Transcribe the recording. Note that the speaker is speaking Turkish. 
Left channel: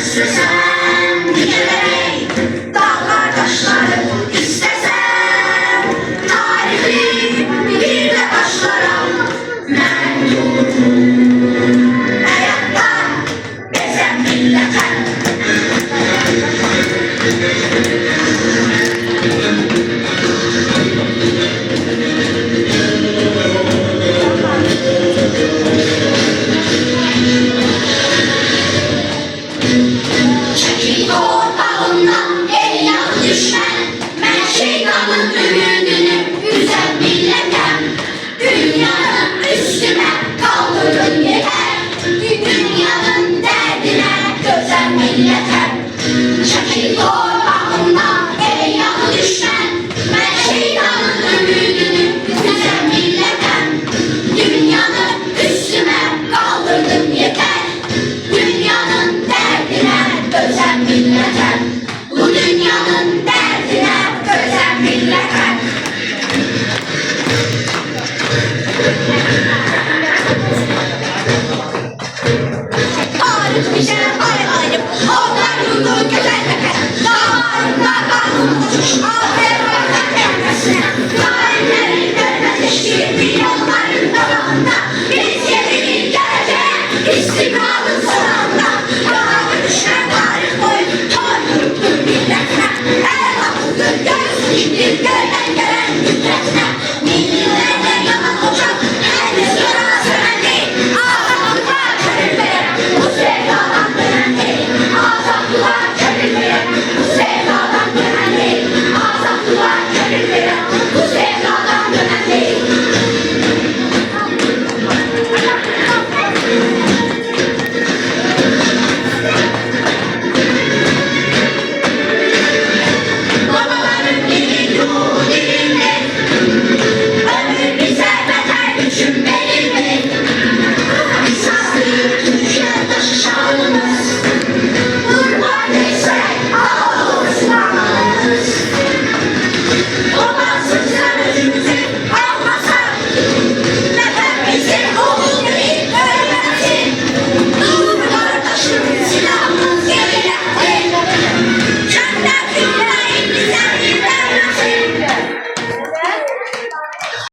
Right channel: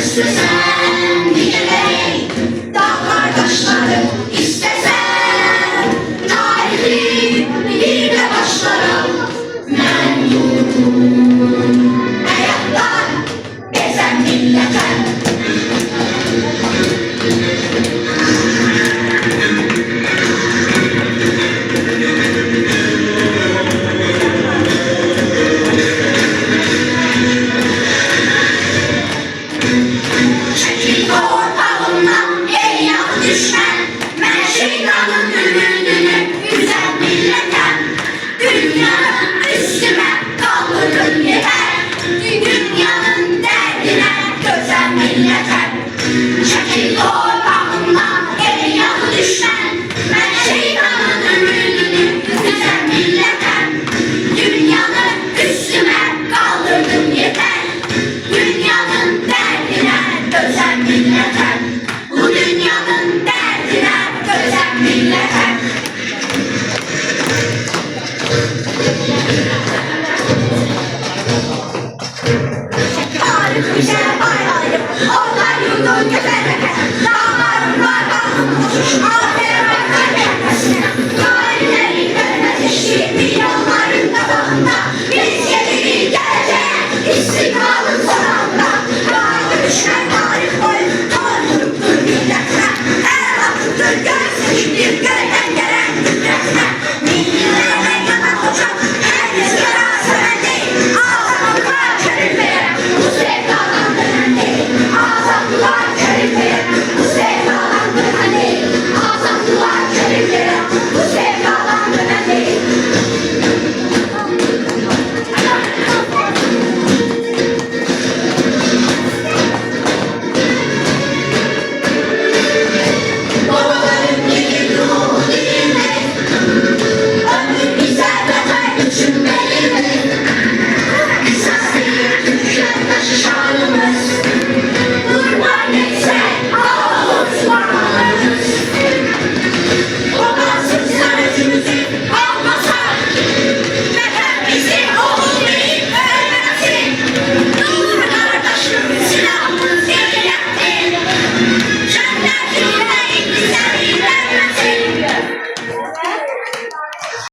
İstesen dikeley dağlar taşları, İstesen tarihi bir de başlarım. Ben durdum hayattan gezen milletten. Çekil korpağımdan ey yağı düşmen, ben şeytanın ümidini güzel milletten. Dünyanın üstüne kaldırın yeter, dünyanın derdine gözen milletten. Çekil korpağımdan ey yağı düşmen, ben şeytanın ümidini güzel milletten. Dünyanın üstüne kaldırdım yeter, dünyanın derdine gözen milletten. Bu dünyanın derdine gözen milletten. Ağrık bize ayarıp onlar yurdu gözetmeke, dağlarında kalmış aferin tepemesine. Tarihlerin devletleştiği milyonların dalında biz yedili geleceğe istiklalın sonunda. Dağlar düşen tarih boyu toynuruptur milletine, el hakkıdır göğsü